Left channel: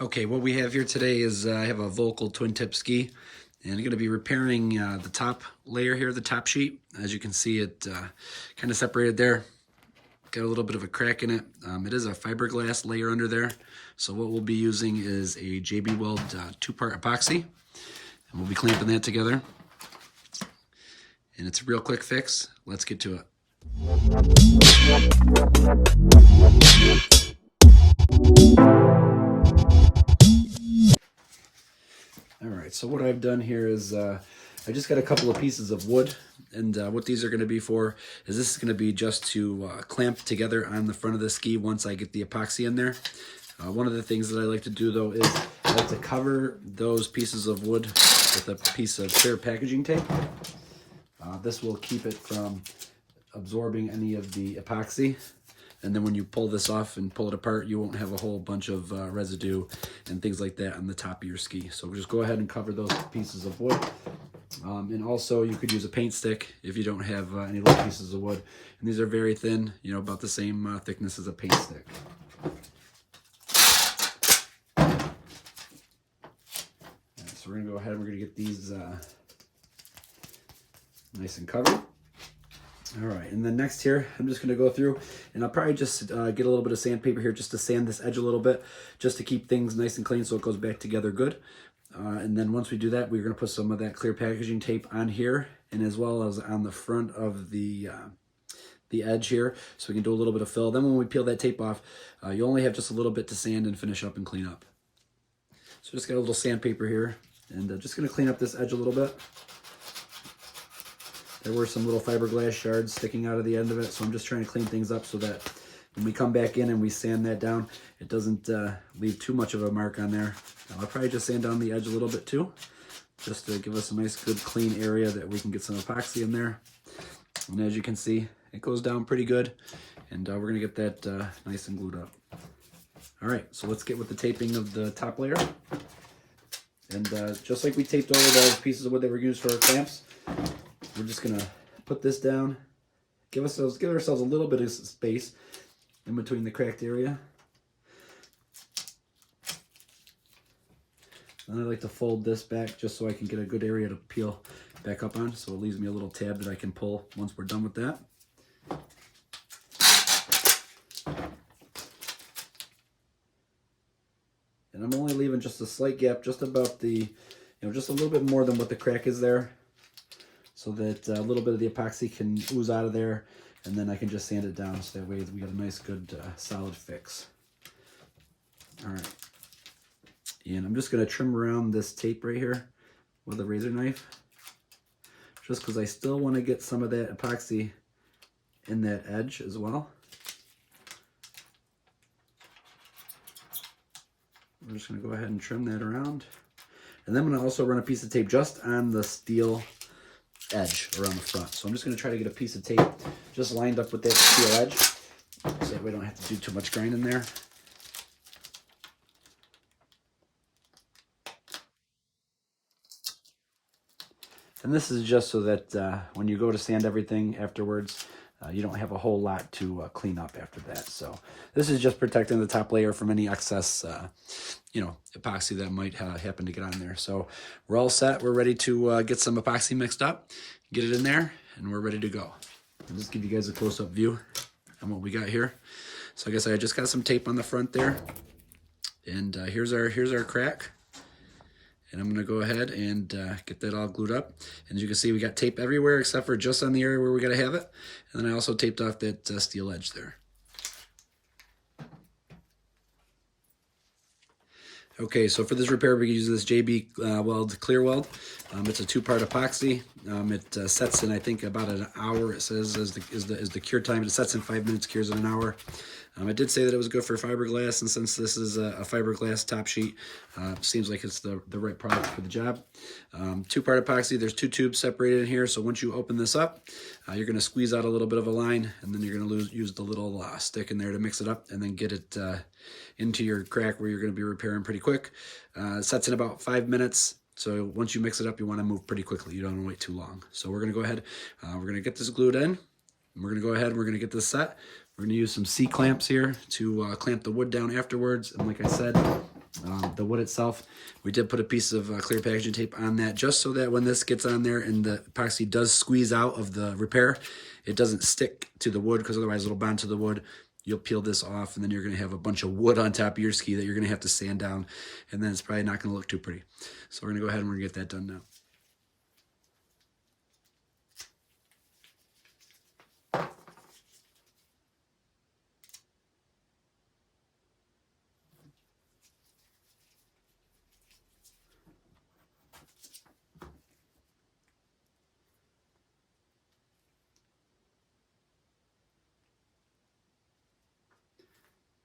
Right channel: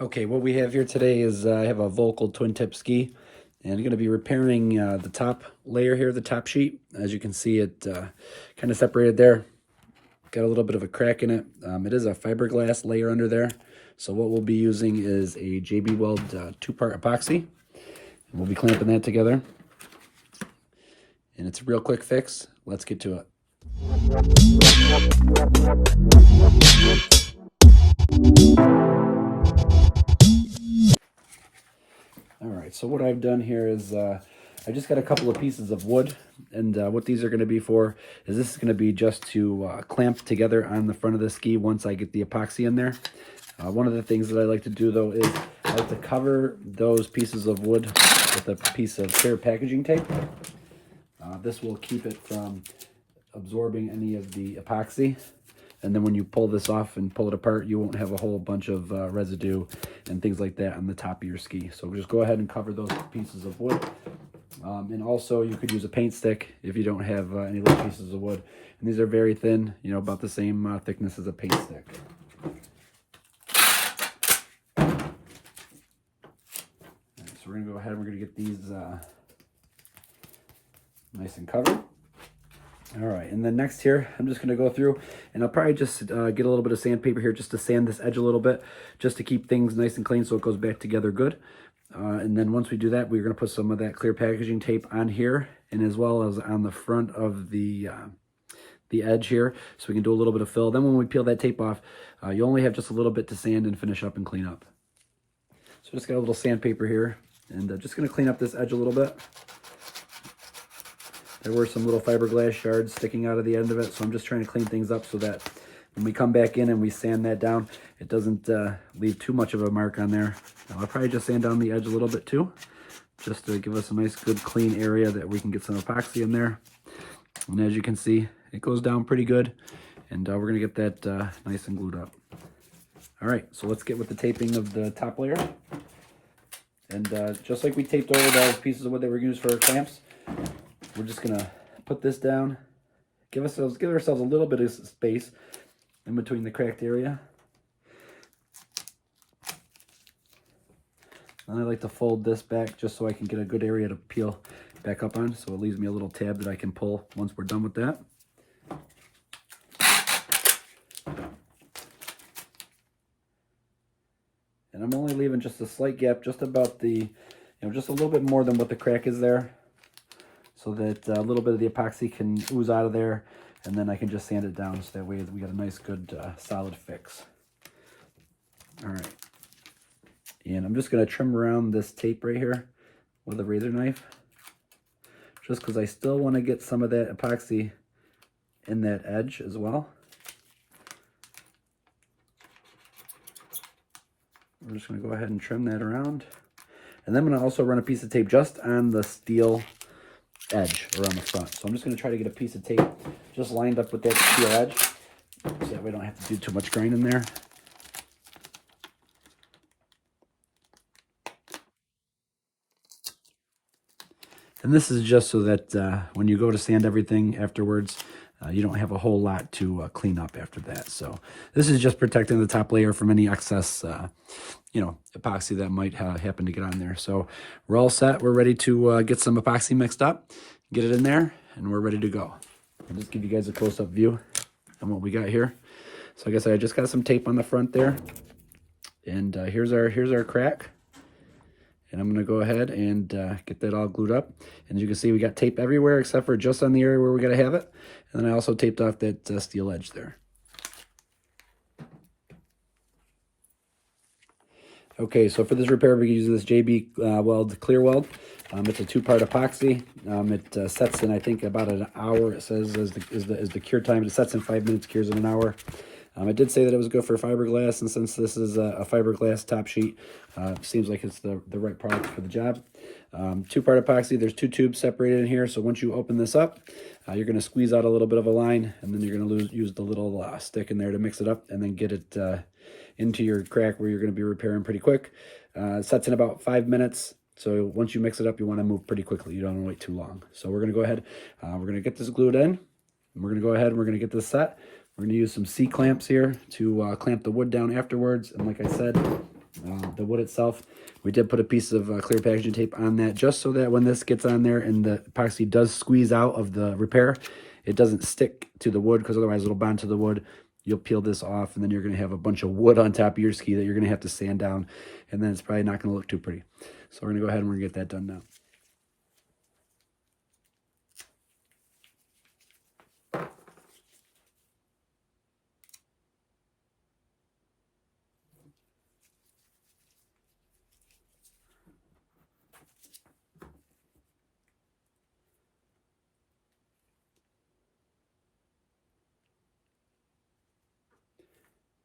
Okay, what we have here today is I have a Volkl Twin Tip Ski, and I'm going to be repairing the top layer here, the top sheet. As you can see, it kind of separated there. Got a little bit of a crack in it. It is a fiberglass layer under there. So what we'll be using is a JB-Weld two-part epoxy, and we'll be clamping that together. And it's a real quick fix. Let's get to it. All right, so what I've done here is I just got a couple of pieces of wood, and what these are going to be for is this is going to be just to clamp together on the front of the ski once I get the epoxy in there. One of the things that I like to do though is I like to cover those pieces of wood with a piece of clear packaging tape. This will keep it from absorbing any of the epoxy. And then when you pull this off and pull it apart, you won't have a whole bunch of residue and things like that on the top of your ski. So just go ahead and cover those pieces of wood. And also you could use a paint stick if you don't have any little pieces of wood. And these are very thin, you know, about the same thickness as a paint stick. All right, so we're gonna go ahead and we're gonna get these nice and covered. All right, and then next here, I'm just gonna go through and I'll probably just get a little bit of sandpaper here just to sand this edge a little bit, just to keep things nice and clean so it goes back together good. And then once we do that, we're gonna put some of that clear packaging tape on here and as well as on the front of the edge here, so we can do a little bit of fill. Then when we peel that tape off, you only have just a little bit to sand and finish up and clean up. So just got a little sandpaper here and just gonna clean up this edge a little bit. There were some little fiberglass shards sticking out of the end of it, so I'm just trying to clean things up so that when we come back in and we sand that down, it doesn't leave too much of a mark on there. I'll probably just sand down the edge a little bit too, just to give us a nice, good, clean area that we can get some epoxy in there. And as you can see, it goes down pretty good, and we're gonna get that nice and glued up. All right, so let's get with the taping of the top layer. And just like we taped over those pieces of wood that were used for our clamps, we're just gonna put this down, give ourselves a little bit of space in between the cracked area. And I like to fold this back just so I can get a good area to peel back up on, so it leaves me a little tab that I can pull once we're done with that. And I'm only leaving just a slight gap, just about the, just a little bit more than what the crack is there, so that a little bit of the epoxy can ooze out of there, and then I can just sand it down so that way we got a nice, good, solid fix. All right. And I'm just gonna trim around this tape right here with a razor knife, just because I still want to get some of that epoxy in that edge as well. We're just gonna go ahead and trim that around. And then I'm gonna also run a piece of tape just on the steel edge around the front. So I'm just going to try to get a piece of tape just lined up with that steel edge, so that we don't have to do too much grinding there. And this is just so that when you go to sand everything afterwards, you don't have a whole lot to clean up after that. So this is just protecting the top layer from any excess, epoxy that might happen to get on there. So we're all set. We're ready to get some epoxy mixed up, get it in there, and we're ready to go. I'll just give you guys a close-up view on what we got here. So I guess I just got some tape on the front there, and here's our crack. And I'm gonna go ahead and get that all glued up. And as you can see, we got tape everywhere except for just on the area where we gotta have it. And then I also taped off that steel edge there. Okay, so for this repair, we can use this JB-Weld Clearweld. It's a two-part epoxy. It sets in, I think, about an hour. It says is the cure time. It sets in 5 minutes, cures in an hour. I did say that it was good for fiberglass, and since this is a fiberglass top sheet, seems like it's the right product for the job. Two-part epoxy, there's two tubes separated in here, so once you open this up, you're going to squeeze out a little bit of a line, and then you're going to use the little stick in there to mix it up, and then get it into your crack where you're going to be repairing pretty quick. It sets in about 5 minutes, so once you mix it up, you want to move pretty quickly. You don't want to wait too long. So we're going to go ahead, we're going to get this glued in, and we're going to go ahead and we're going to get this set. We're going to use some C-clamps here to clamp the wood down afterwards. And like I said, The wood itself, we did put a piece of clear packaging tape on that just so that when this gets on there and the epoxy does squeeze out of the repair, it doesn't stick to the wood, because otherwise it'll bond to the wood. You'll peel this off and then you're going to have a bunch of wood on top of your ski that you're going to have to sand down, and then it's probably not going to look too pretty. So we're going to go ahead and we're going to get that done now.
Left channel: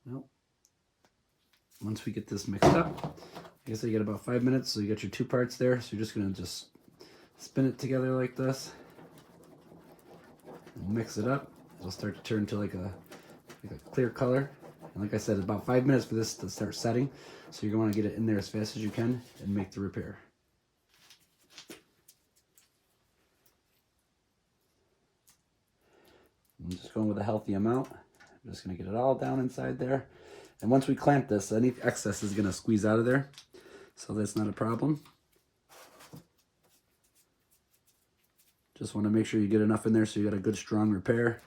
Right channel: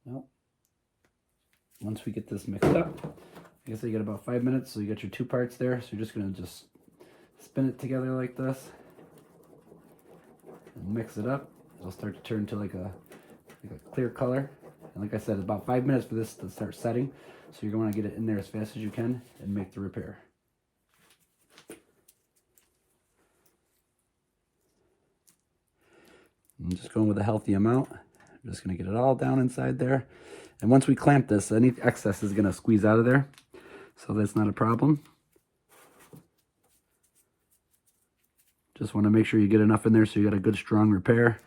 Well, once we get this mixed up, I guess you get about 5 minutes, so you got your two parts there. So you're just going to just spin it together like this and mix it up. It'll start to turn to like a clear color. And like I said, about 5 minutes for this to start setting. So you're going to want to get it in there as fast as you can and make the repair. I'm just going with a healthy amount. I'm just going to get it all down inside there. And once we clamp this, any excess is going to squeeze out of there. So that's not a problem. Just want to make sure you get enough in there so you got a good strong repair.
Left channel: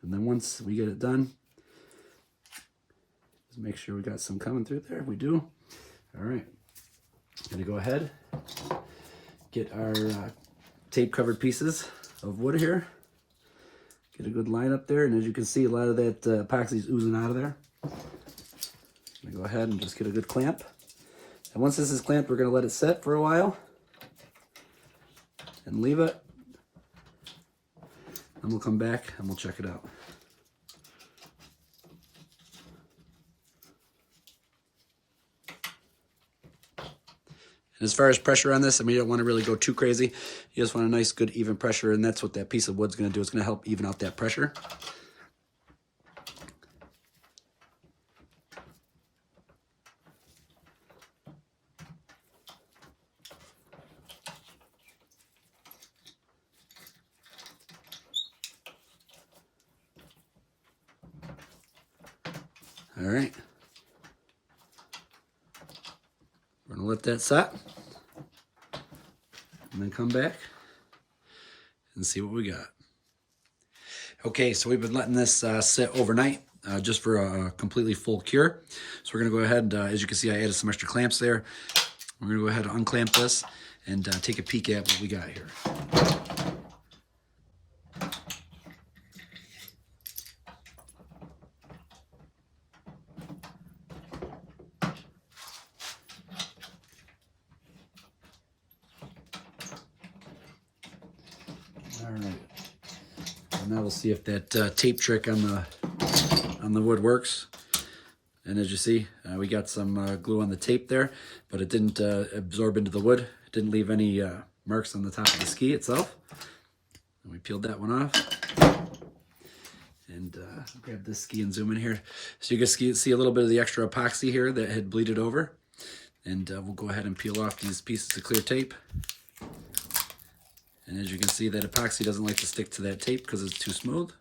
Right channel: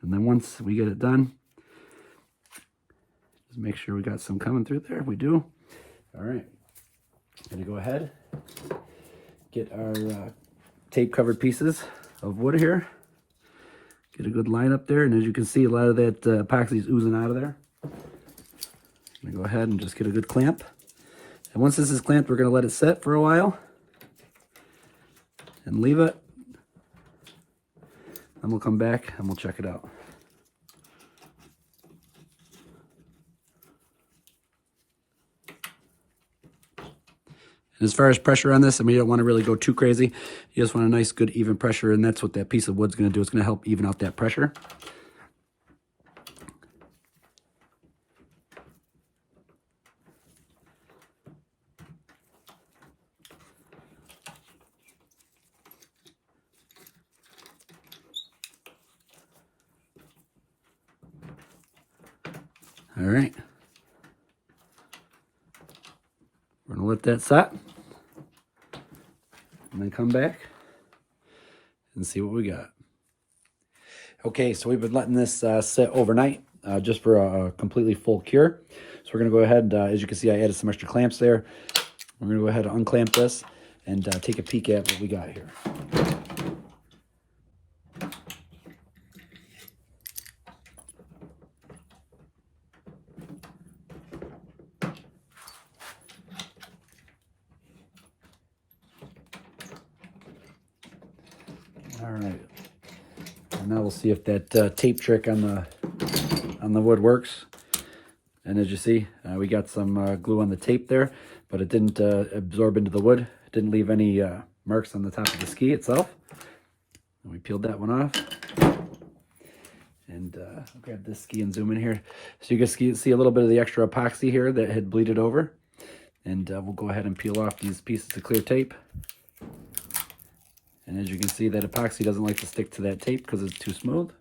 And then once we get it done, just make sure we got some coming through there. We do. All right. Going to go ahead, get our tape covered pieces of wood here. Get a good line up there, and as you can see, a lot of that epoxy is oozing out of there. I'm gonna go ahead and just get a good clamp. And once this is clamped, we're gonna let it set for a while and leave it. And we'll come back and we'll check it out. As far as pressure on this, I mean, you don't want to really go too crazy. You just want a nice, good, even pressure, and that's what that piece of wood's going to do. It's going to help even out that pressure. All right. We're going to let that set. And then come back and see what we got. Okay, so we've been letting this sit overnight just for a completely full cure. So we're going to go ahead, as you can see, I added some extra clamps there. We're going to go ahead and unclamp this and take a peek at what we got here. All right, and now we'll see if that tape trick on the wood works. And as you see, we got some glue on the tape there, but it didn't absorb into the wood. It didn't leave any marks on the top of the ski itself. And we peeled that one off. And I'll grab this ski and zoom in here. So you can see a little bit of the extra epoxy here that had bleeded over. And we'll go ahead and peel off these pieces of clear tape. And as you can see, that epoxy doesn't like to stick to that tape because it's too smooth.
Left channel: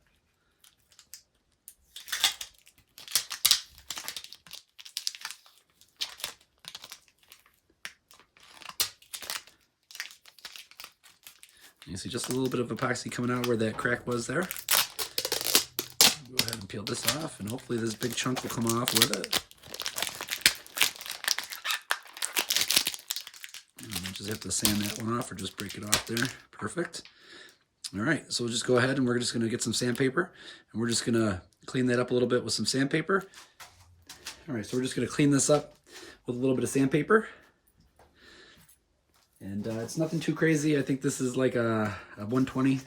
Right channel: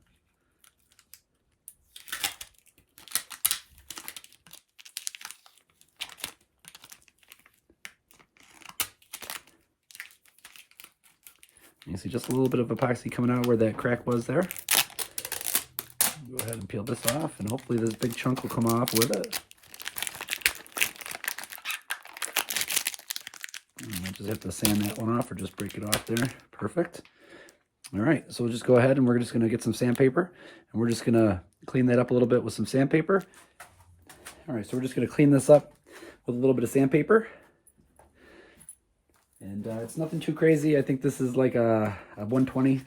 You see just a little bit of epoxy coming out where that crack was there. Go ahead and peel this off, and hopefully this big chunk will come off with it. And I just have to sand that one off or just break it off there. Perfect. All right, so we'll just go ahead and we're just going to get some sandpaper, and we're just going to clean that up a little bit with some sandpaper. All right, so we're just going to clean this up with a little bit of sandpaper. And it's nothing too crazy. I think this is like a 120,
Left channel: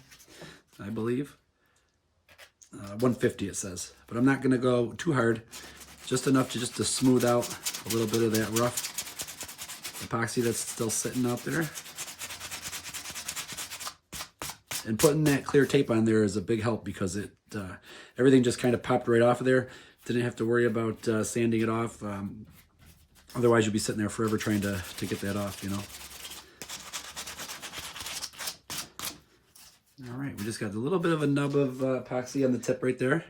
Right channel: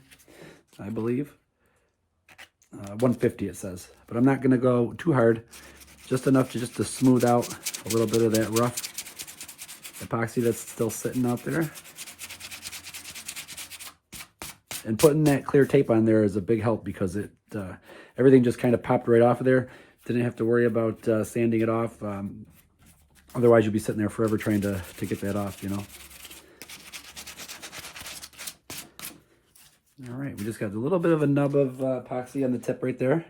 I believe. 150 it says. But I'm not going to go too hard. Just enough to just to smooth out a little bit of that rough epoxy that's still sitting out there. And putting that clear tape on there is a big help because it everything just kind of popped right off of there. Didn't have to worry about sanding it off. Otherwise, you'll be sitting there forever trying to get that off, you know. All right, we just got a little bit of a nub of epoxy on the tip right there.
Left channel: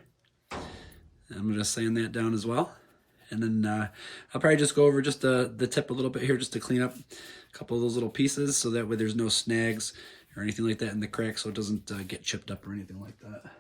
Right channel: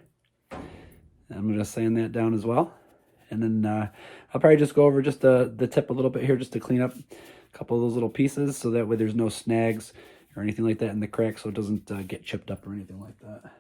I'm going to sand that down as well. And then I'll probably just go over just the tip a little bit here just to clean up a couple of those little pieces so that way there's no snags or anything like that in the crack, so it doesn't get chipped up or anything like that.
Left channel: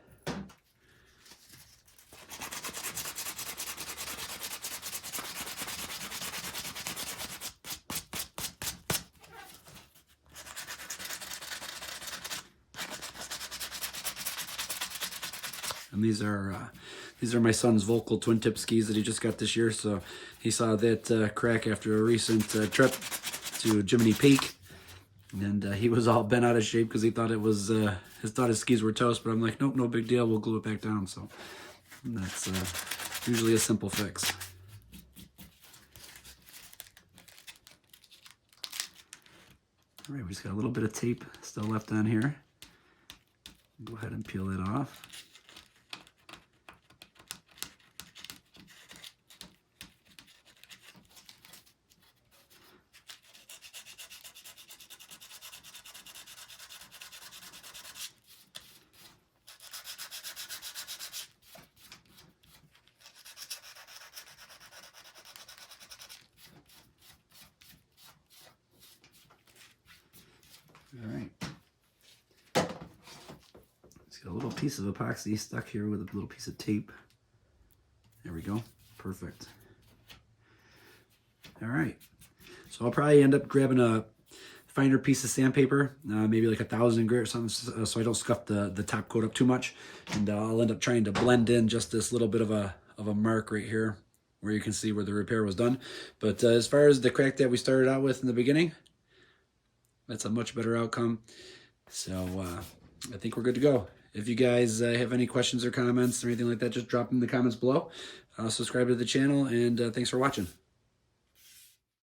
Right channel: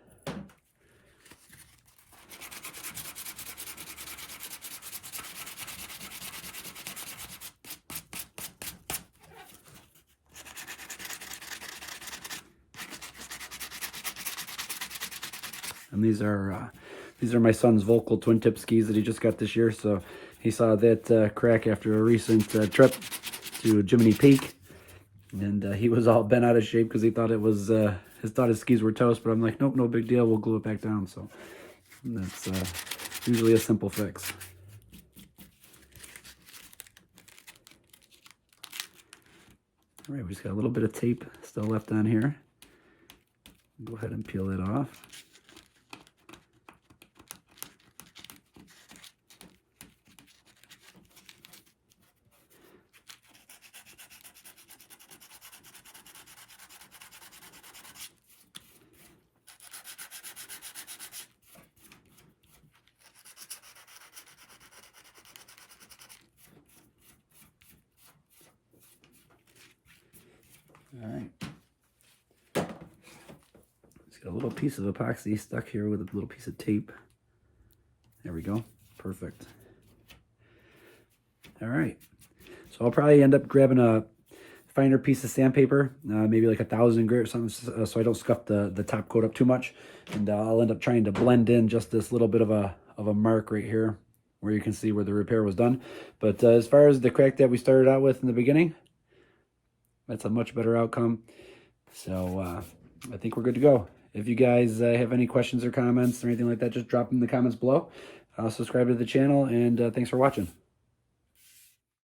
And these are my son's Volkl Twin Tip Skis that he just got this year. So he saw that crack after a recent trip to Jiminy Peak, and he was all bent out of shape because he thought it was his skis were toast. But I'm like, nope, no big deal. We'll glue it back down. So that's usually a simple fix. All right, we just got a little bit of tape still left on here. Go ahead and peel it off. All right. Just got a little piece of epoxy stuck here with a little piece of tape. There we go. Perfect. All right. So I'll probably end up grabbing a finer piece of sandpaper, maybe like 1,000 grit or something, so I don't scuff the top coat up too much. And I'll end up trying to blend in just this little bit of a mark right here where you can see where the repair was done. But as far as the crack that we started out with in the beginning, that's a much better outcome. So I think we're good to go. If you guys have any questions or comments or anything like that, just drop them in the comments below. Subscribe to the channel, and thanks for watching.